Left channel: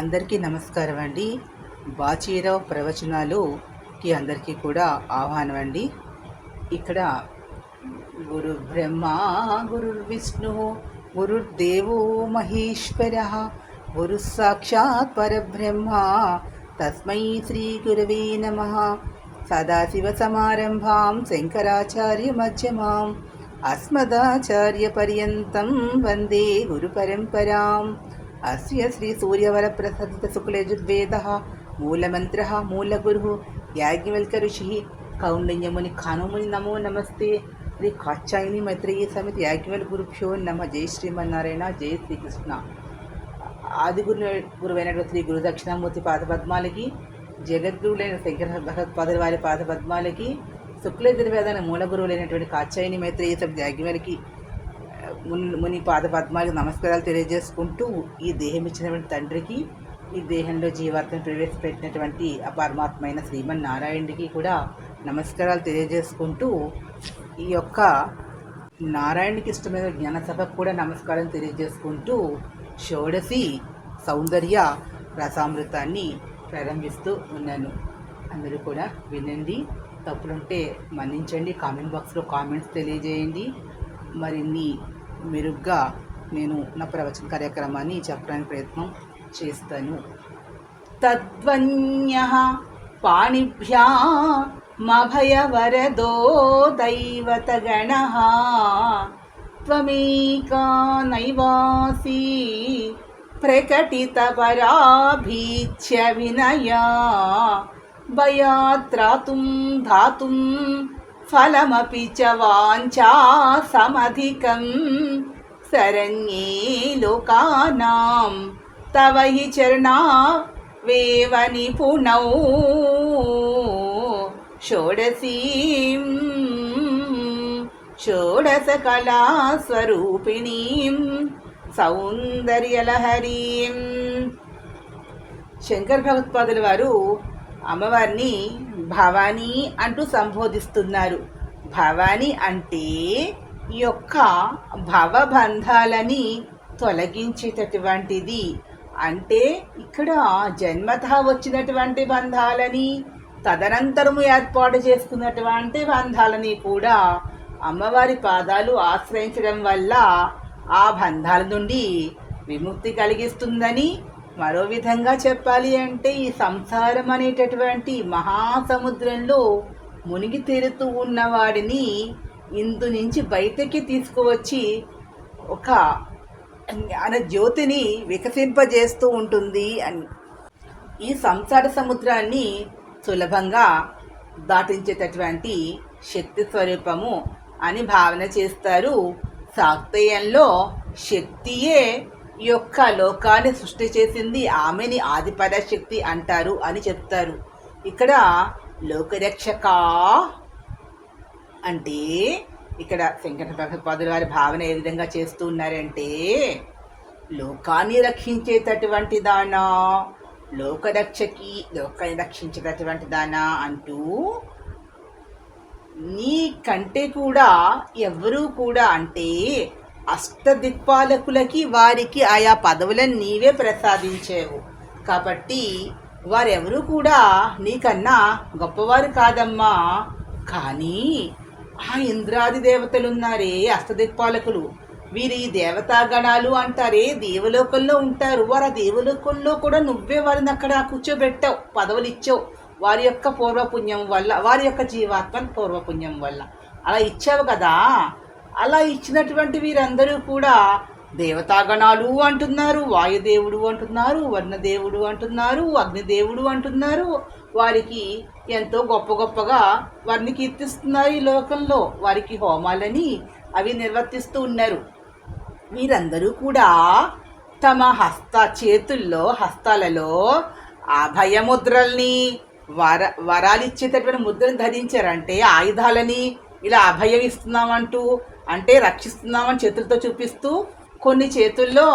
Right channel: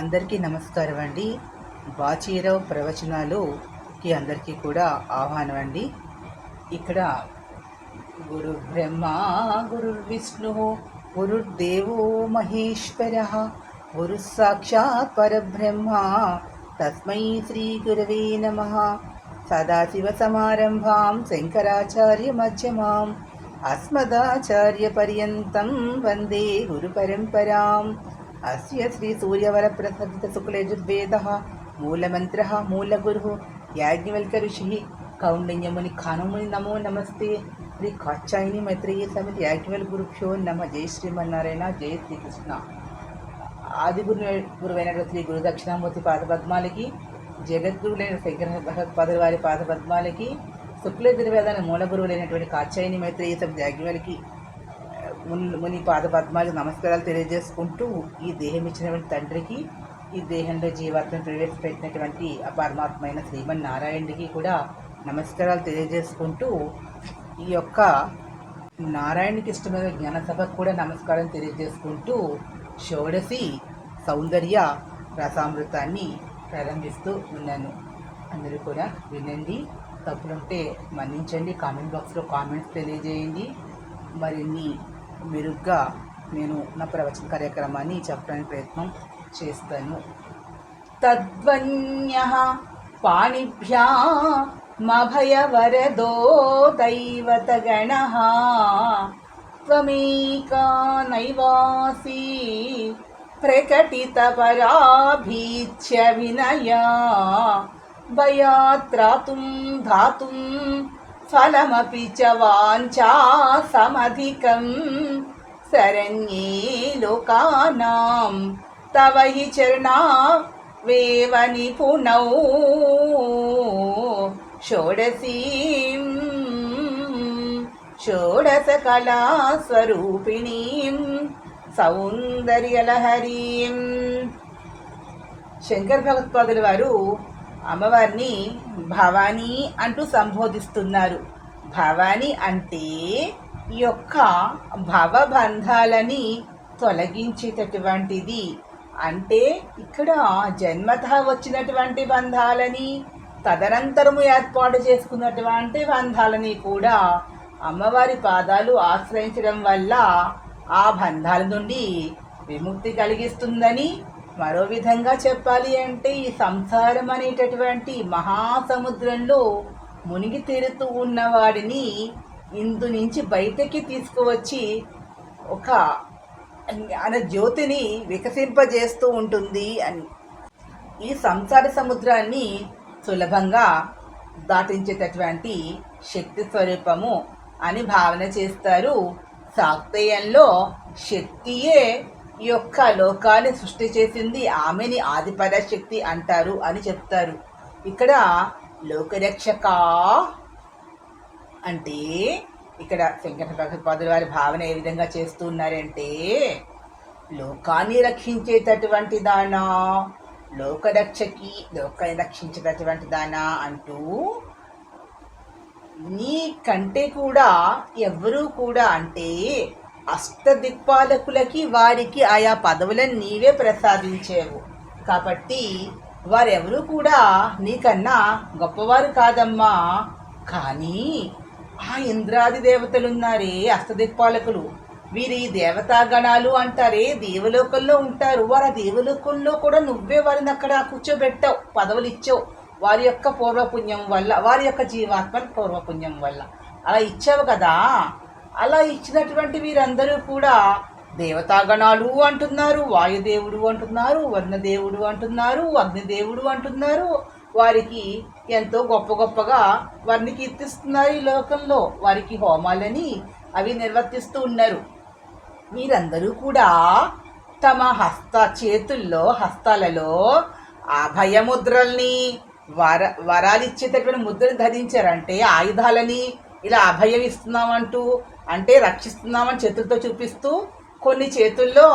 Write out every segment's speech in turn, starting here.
అందరికీ నమస్కారం అండి. బాచీరావు ప్రవచనాలుకి అందరికీ కూడా ఆహ్వానం అండి. ఇక్కడ గురు బ్రహ్మ గురు విష్ణు గురుర్దేవో మహేశ్వర గురు సాక్షాత్ పరబ్రహ్మ తస్మై శ్రీ గురవే నమః. సదాశివ సమారంభాం శంకరాచార్య మధ్యమాం అస్మదాచార్య పర్యంతం వందే గురు పరంపరాం. అస్య శ్రీ సూర్యవరప్రసాదిత శుక్లయజుర్వేదః మూలమంత్రః మూలగురుః యాజ్ఞవల్క్య ఋషిః కౌండిన్యముని ఖానుముని నమో నమస్తే. శ్రీ కాత్యాయని మైత్రేయీ సమిత యాజ్ఞవల్ గురుభ్యో నమ. జై శ్రీమన్నారాయణ, జై శ్రీకృష్ణ. ఆది గురువైన శ్రీ గురు దక్షిణామూర్తి పాదపద్మాలకి, జగద్గురువులైన శంకర భగవత్పాదుల వారి పాదపద్మాలకి, శుక్లయజుర్వేదాన్ని మూల గురువులైనటువంటి కాత్యాయని మైత్రేయీ సమిత యాజ్ఞవల్కి ముని పాదపద్మాలకు నమస్కారాలు తెలియజేసుకుంటూ, ఈ దేహం ఇచ్చినటువంటి తండ్రికి, ఈ దేహంలో జీవాత్మను ప్రవేశపెట్టినటువంటి ఆ పరమాత్మ అయిన శ్రీమన్నారాయణుడికి కూడా నమస్కారాలు తెలియజేసుకుంటూ, ఈ యొక్క నారాయణకి ఇష్టమైన జ్ఞానసభకు కూడా నమస్కారం తెలియజేసుకుంటూ షోడశి సౌందర్య రసామృతాన్ని ప్రారంభిస్తూ ఉన్నాను. అందరూ కూడా వినండి, తప్పులుంటే మన్నించండి. కామెంట్ బాక్స్లో కామెంట్స్ తెలియజేయండి. మరిన్ని మెరుగ్గా నేను నా ప్రవచన కార్యక్రమాన్ని చెప్పడానికి ప్రయత్నం చేస్తాను. తద్వన్యః పాణిభ్యామభయవరదో దైవతగణః త్వమేకా నైవాసి ప్రకటితపరాభీచ్య వినయా భయాత్రాతుం ధాతుం ఫలమపి చ వాంఛా సమధికం శరణ్యే లోకానాం తవ హి చరణావేవ నిపుణౌ షోడశీం షోడశకళాస్వరూపిణీం సౌందర్యలహరీం. శంకర భగవత్పాదుల వారు అమ్మవారిని భవానీ అంటూ సంబోధిస్తున్నారు. భవానీ అంటే ఈ యొక్క భవబంధాలని తొలగించేటటువంటిది. అంటే ఇక్కడ జన్మతః వచ్చినటువంటి బంధాలని, తదనంతరము ఏర్పాటు చేసుకున్నటువంటి బంధాలని కూడా అమ్మవారి పాదాలు ఆశ్రయించడం వల్ల ఆ బంధాల నుండి విముక్తి కలిగిస్తుందని, మరో విధంగా చెప్పాలి అంటే ఈ సంసారం అనేటటువంటి మహాసముద్రంలో మునిగి తేలుతూ ఉన్నవాడిని ఇందు నుంచి బయటకి తీసుకువచ్చి ఒక జ్యోతిని వికసింపజేస్తూ ఉంటుంది అని. ఈ సంసార సముద్రాన్ని సులభంగా దాటించేటటువంటి శక్తి స్వరూపము అని భావన చేస్తారు. శాక్తేయంలో శక్తియే ఈ యొక్క లోకాన్ని సృష్టి చేసింది, ఆమెని ఆదిపరాశక్తి అంటారు అని చెప్తారు. ఇక్కడ లోకరక్షక అంటే ఇక్కడ శంకర భగవత్పాదుల వారి భావన ఏ విధంగా చేస్తూ ఉన్నారంటే, లోకాన్ని రక్షించేటటువంటి దానా, లోకాన్ని రక్షించేటటువంటి దానా అంటూ నీ కంటే కూడా ఎవరూ కూడా అంటే అష్టదిక్పాలకులకి వారికి ఆయా పదవులను నీవే ప్రసాదించేవు. కాబట్టి వారెవరూ కూడా నీకన్నా గొప్పవారు కాదమ్మా. కానీ ఆ ఇంద్రాది దేవతలున్నారే అష్టదిక్పాలకులు, వీరి దేవతాగణాలు అంటారే దేవలోకంలో ఉంటారు. వారు ఆ దేవలోకంలో కూడా నువ్వే వారిని అక్కడ కూర్చోబెట్టావు, పదవులు ఇచ్చావు. వారి యొక్క పూర్వపుణ్యం వల్ల, వారి యొక్క జీవాత్మ పూర్వపుణ్యం వల్ల అలా ఇచ్చావు కదా. అలా ఇచ్చినటువంటి వీరందరూ కూడా దేవతాగణాలు అంటున్నారు, వాయుదేవుడు అంటున్నారు, వర్ణదేవుడు అంటున్నారు, అగ్నిదేవుడు అంటున్నారు. వారికి ఎంతో గొప్ప గొప్పగా వారిని కీర్తిస్తున్నారు. ఈ లోకంలో వారికి హోమాలని అవి నిర్వర్తిస్తూ ఉన్నారు. వీరందరూ కూడా తమ హస్తాలలో అభయముద్రల్ని, వరాలిచ్చేటటువంటి ముద్రను ధరించారంటే ఆయుధాలని ఇలా అభయం ఇస్తున్నామంటూ, అంటే రక్షిస్తున్నామని చేతులతో చూపిస్తూ కొన్ని చేతుల్లో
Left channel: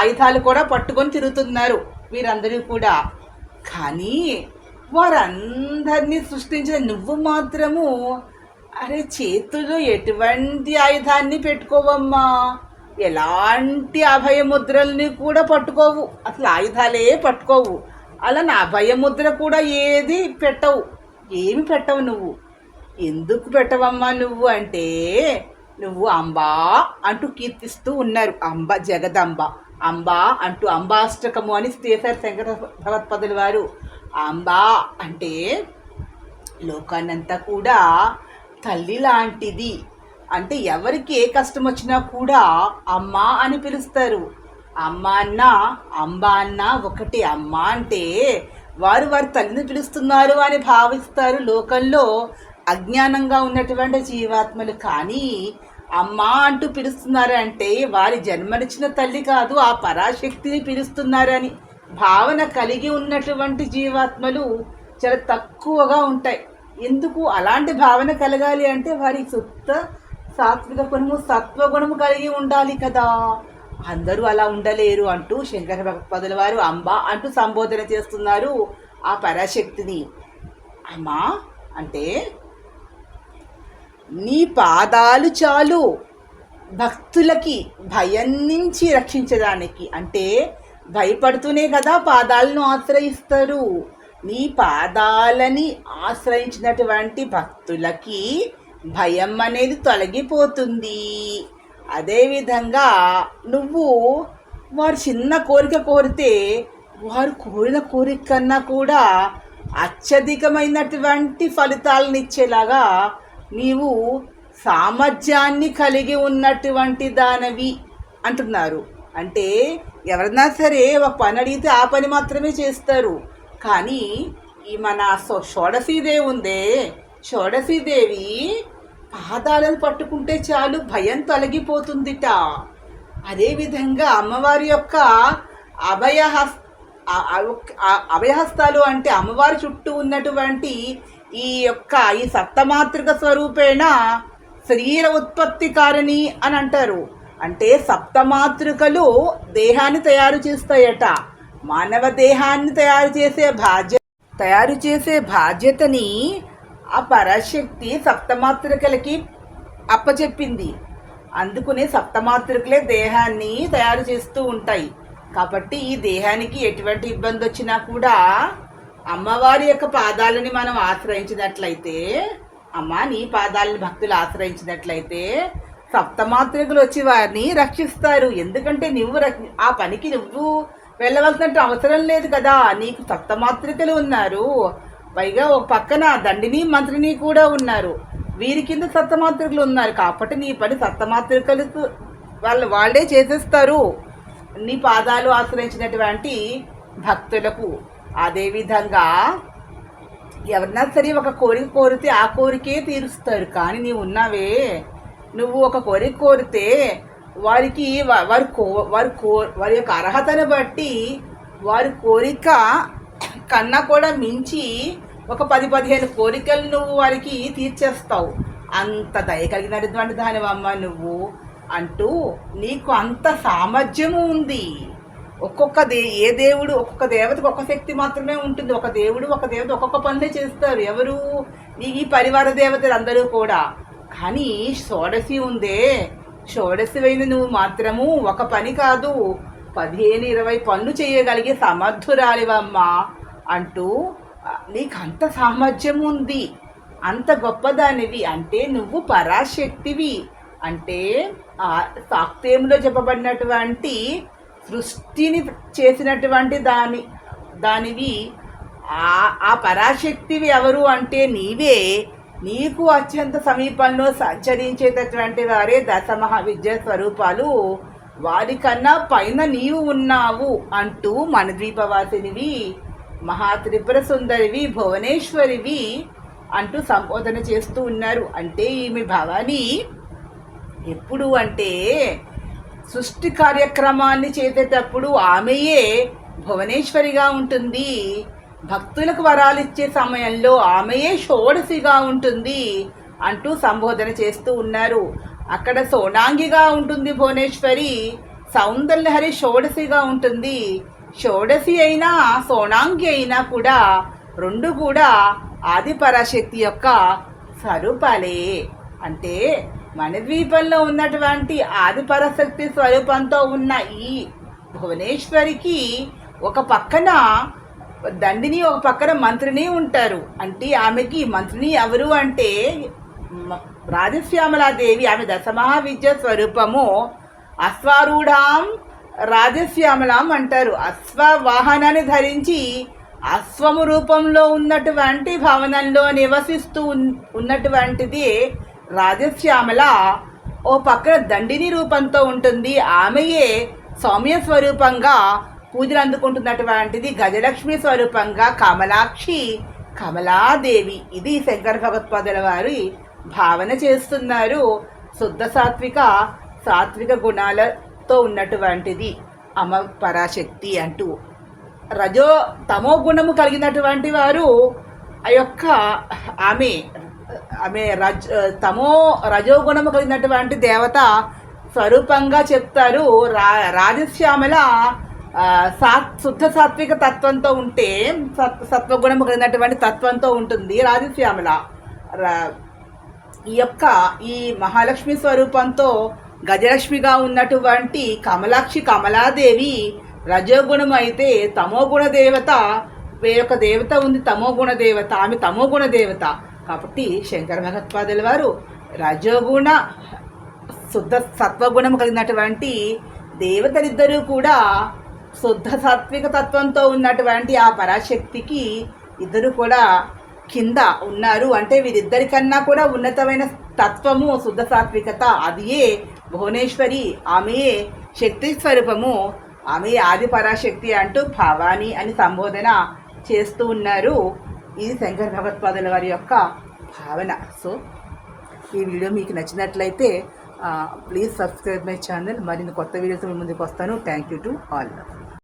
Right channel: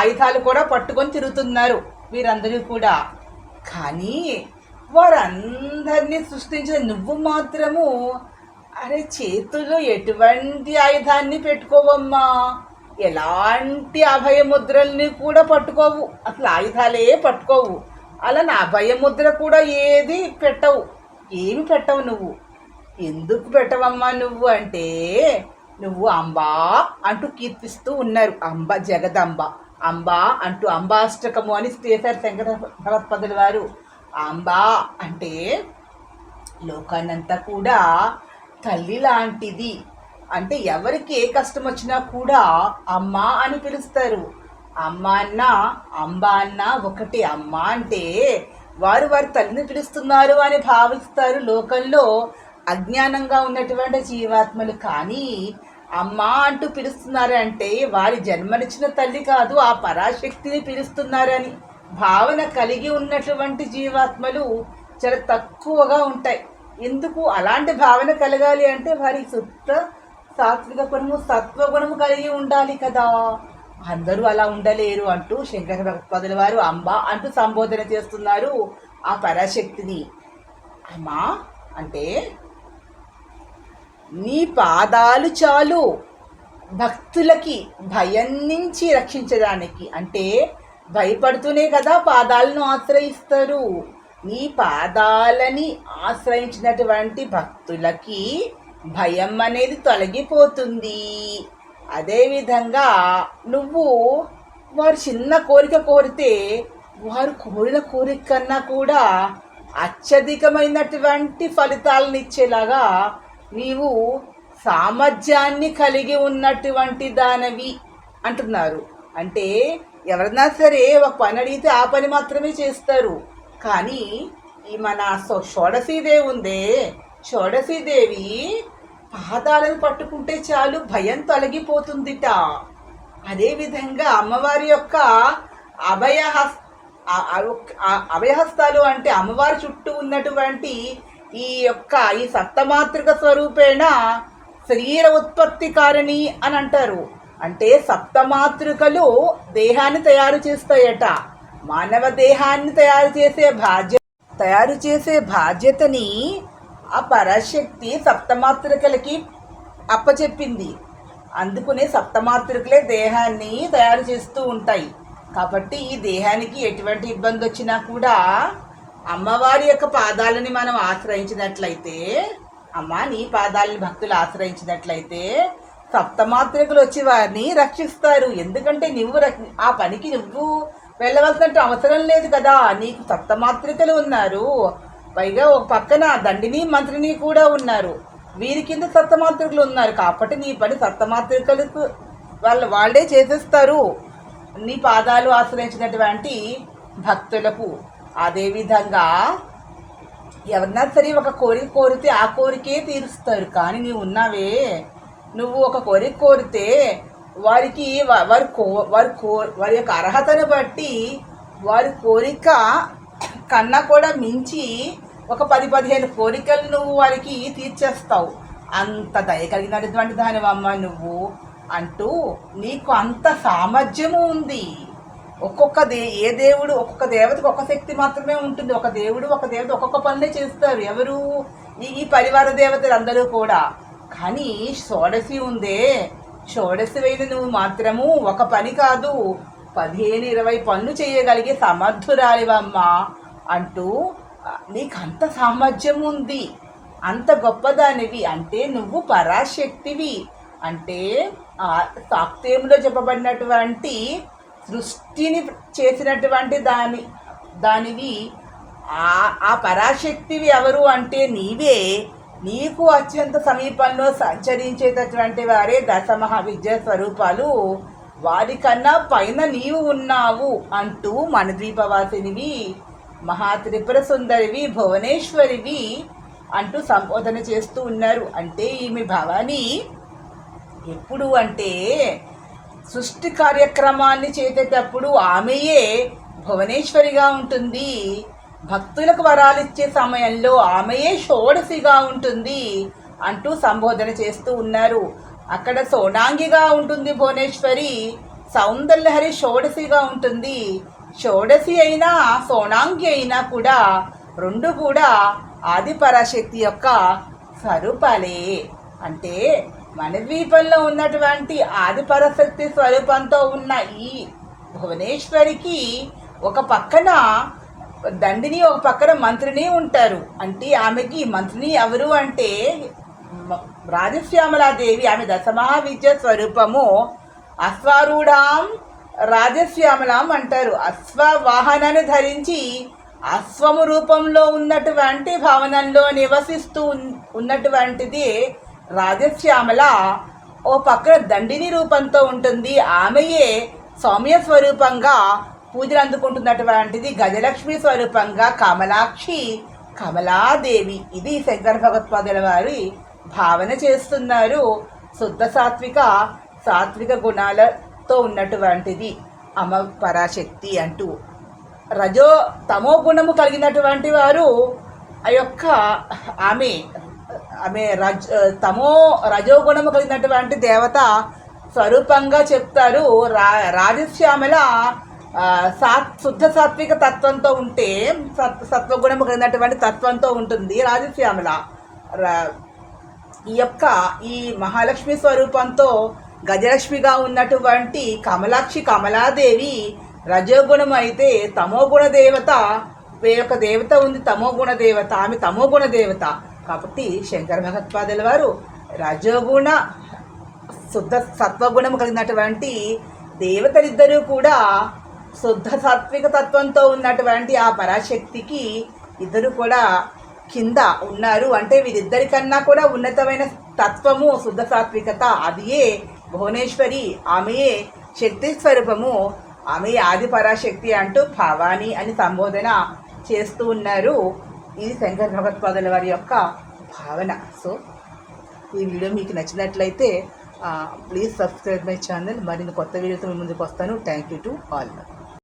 ఆయుధాలు కూడా పట్టుకొని తిరుగుతున్నారు వీరందరూ కూడా. కానీ వారందరినీ సృష్టించిన నువ్వు మాత్రము అరే చేతుల్లో ఎటువంటి ఆయుధాన్ని పెట్టుకోవమ్మా, ఎలాంటి అభయముద్రల్ని కూడా పట్టుకోవు, అసలు ఆయుధాలే పట్టుకోవు. అలా నా అభయముద్ర కూడా ఏది పెట్టవు, ఏమి పెట్టవు నువ్వు. ఎందుకు పెట్టవమ్మా నువ్వు అంటే, నువ్వు అంబా అంటూ కీర్తిస్తూ ఉన్నారు. అంబ జగదంబ, అంబా అంటూ అంబాష్టకము అని చేశారు శంకర భగవత్పదుల వారు. అంబా అంటే లోకాన్నంతా కూడా తల్లి లాంటిది. అంటే ఎవరికి ఏ కష్టం వచ్చినా కూడా అమ్మ అని పిలుస్తారు. అమ్మ అన్న అంబ అన్న ఒకటి. అమ్మ అంటే వారు వారి తల్లిని పిలుస్తున్నారు అని భావిస్తారు లోకంలో అజ్ఞానంగా ఉన్నటువంటి జీవాత్మలు. కానీ అమ్మ అంటూ పిలుస్తున్నారు అంటే వారి జన్మనిచ్చిన తల్లి కాదు, ఆ పరాశక్తిని పిలుస్తున్నారని భావన కలిగి ఉన్నటువంటి జీవాత్మలు చాలా తక్కువగా ఉంటాయి. ఎందుకు అలాంటి భావన కలగాలి అంటే వారి శుద్ధ సాత్విక గుణము సత్వగుణము కలిగి ఉండాలి కదా. అందరూ అలా ఉండలేరు అంటూ శంకర భగవత్పాదుల వారు అంబ అంటూ సంబోధన చేస్తున్నారు ఆ పరాశక్తిని. అమ్మా అంటే నీ పాదాలు చాలు భక్తులకి భయం నుంచి రక్షించడానికి. అంటే భయపడుతూనే కదా పాదాలను ఆశ్రయిస్తారు. నీ పాదాలని ఆశ్రయించినటువంటి భక్తులకి భయం అనేది తొలగిపోతుంది. అదేవిధంగా నువ్వు వారు చిన్న కోరిక కోరితే వారు కోరిన కోరిక కన్నా కూడా అత్యధికమైనటువంటి ఫలితాలను ఇచ్చేలాగా నీవు సామర్థ్యాన్ని కలిగి ఉన్నటువంటి దానవి అంటున్నారు. అంటే ఎవరైనా సరే ఒక పని అడిగితే ఆ పని మాత్రమే చేస్తారు. కానీ ఈ మన షోడశీదేవి ఉందే, షోడశీదేవి పాదాలను పట్టుకుంటే చాలు భయం తొలగిపోతుందిట. అదేవిధంగా అమ్మవారి యొక్క అభయహస్తాలు అంటే అమ్మవారి చుట్టూ ఉన్నటువంటి ఈ సప్తమాతృక స్వరూపేణ శరీర ఉత్పత్తి కారణి అని అంటారు. అంటే సప్తమాతృకలు దేహాన్ని తయారు చేస్తాయట. మానవ దేహాన్ని తయారు చేసే బాధ్యతని ఆ పరాశక్తి సప్తమాతృకలకి అప్పచెప్పింది. అందుకునే సప్తమాతృకలే దేహాన్ని తయారు చేస్తూ ఉంటాయి. కాబట్టి ఈ దేహానికి ఎటువంటి ఇబ్బంది వచ్చినా కూడా అమ్మవారి యొక్క పాదాలని మనం ఆశ్రయించినట్లయితే, అమ్మ నీ పాదాలని భక్తులు ఆశ్రయించినట్లయితే సప్తమాతృకలు వచ్చి వారిని రక్షిస్తారు. ఎందుకంటే నువ్వు ఆ పనికి నువ్వు వెళ్ళవలసినట్టు అవసరం లేదు కదా. నీకు సప్తమాతృకలు ఉన్నారు, పైగా ఒక పక్కన దండిని మంత్రిని కూడా ఉన్నారు. వీరి కింద సప్తమాతృకలు ఉన్నారు. కాబట్టి నీ పని సప్తమాతృకలకు వాళ్ళే చేసేస్తారు నీ పాదాలు ఆశ్రయించినటువంటి భక్తులకు. అదేవిధంగా ఎవరన్నా సరే ఒక కోరిక కోరితే ఆ కోరికే తీరుస్తారు. కానీ నీవు ఉన్నావే, నువ్వు ఒక కోరిక కోరితే వారికి వారి యొక్క అర్హతను బట్టి వారి కోరిక కన్నా కూడా మించి ఒక 10-15 కోరికలు నువ్వు వారికి తీర్చేస్తావు. అంత దయ కలిగినటువంటి దానివమ్మ నువ్వు అంటూ నీకు అంత సామర్థ్యము ఉంది. ఏ దేవుడు ఒక్కొక్క దేవతకు ఒక శక్తి మాత్రమే ఉంటుంది. ఒక దేవత ఒక్కొక్క పనులే చేస్తారు. ఎవరు? ఈ పరివార దేవతలు అందరూ కూడా. కానీ షోడశి ఉందే, షోడశివైన నువ్వు మాత్రము ఒక పని కాదు 15-20 పనులు చేయగలిగే సమర్థురాలివమ్మా అంటూ నీకు అంత సామర్థ్యం ఉంది, అంత గొప్పదానివి. అంటే నువ్వు పరాశక్తివి. అంటే సాక్తేములో చెప్పబడినటువంటి సృష్టిని చేసినటువంటి దానివి. ఆ పరాశక్తివి ఎవరు అంటే నీవే. నీకు అత్యంత సమీపంలో సంచరించేటటువంటి వారే దశమహావిద్యా స్వరూపాలు. వారికన్నా పైన నీవు ఉన్నావు అంటూ మణిద్వీపవాసినివి, మహాత్రిపుర సుందరివి, భువనేశ్వరివి అంటూ సంబోధన చేస్తూ ఉన్నారు. అంటే ఈమె భవాని ఎప్పుడు అంటే సృష్టి కార్యక్రమాన్ని చేసేటప్పుడు ఆమెయే భువనేశ్వరిగా ఉంటుంది. భక్తులకు వరాలు ఇచ్చే సమయంలో ఆమెయే షోడశిగా ఉంటుంది అంటూ సంబోధన చేస్తూ ఉన్నారు. అక్కడ సోనాంగిగా ఉంటుంది భువనేశ్వరి, సౌందర్యహరి షోడశిగా ఉంటుంది. షోడశి అయినా సోనాంగి అయినా కూడా రెండు కూడా ఆది పరాశక్తి యొక్క స్వరూపాలే. అంటే మణిద్వీపంలో ఉన్నటువంటి ఆది పరాశక్తి స్వరూపంతో ఉన్న ఈ భువనేశ్వరికి ఒక పక్కన దండిని, ఒక పక్కన మంత్రిని ఉంటారు. అంటే ఆమెకి మంత్రిని ఎవరు అంటే రాజశ్యామలాదేవి. ఆమె దశమహావిద్య స్వరూపము. అశ్వారూఢాం రాజశ్యామలాం అంటారు. అశ్వ వాహనాన్ని ధరించి అశ్వము రూపంలో ఉన్నటువంటి భవనంలో నివసిస్తూ ఉన్నటువంటిది రాజశ్యామల. ఓ పక్కన దండిని రూపంతో ఉంటుంది. ఆమెయే సౌమ్య స్వరూపంగా పూజలు అందుకుంటున్నటువంటిది గజలక్ష్మి స్వరూపంగా కమలాక్షి, కమలాదేవి. ఇది శంకర భగవత్పాదుల వారి భావన చేస్తున్నారు. శుద్ధ సాత్విక గుణాలతో ఉన్నటువంటిది అమ్మ పరాశక్తి అంటూ. తమో గుణము కలిగినటువంటి వారు ఆ యొక్క ఆమె రజోగుణము కలిగినటువంటి దేవత స్వరూపంగా చెప్తారు. రాజశ్యామల శుద్ధ సాత్విక తత్వంతో ఉంటే సత్వగుణము కలిగినటువంటి తత్వంతో ఉంటుంది రాజశ్యామల. ఈ మహాలక్ష్మి స్వరూపంతో గజలక్ష్మిగా ఉన్నటువంటి కమలాక్షి, కమలాదేవి రజోగుణం అయితే తమోగుణ దేవత. వేరొక దేవత ఉంది తమోగుణ దేవత, ఆమె తమోగుణ దేవత. కాబట్టి శంకర భగవత్పాదుల వారు రజోగుణ శుద్ధ సత్వగుణం కలిగినటువంటి దేవతలిద్దరూ కూడా శుద్ధ సాత్విక తత్వంతో ఉన్నటువంటి ఆ పరాశక్తికి ఇద్దరు కూడా కింద ఉన్నారు. అంటే వీరిద్దరికన్నా కూడా ఉన్నతమైన తత్వము శుద్ధ సాత్వికత. అదియే భువనేశ్వరి. ఆమెయే శక్తి స్వరూపము. ఆమె ఆది పరాశక్తి అంటూ భవాని అని సంబోధన చేస్తూ ఉన్నారు. ఇది శంకర భగవత్పాదుల వారి యొక్క భావన. సో ఈ వీడియో మీకు నచ్చినట్లయితే ప్లీజ్ సబ్స్క్రైబ్ మై ఛానల్. మరిన్ని కొత్త వీడియోతో మీ ముందుకు వస్తాను. Thank you to all.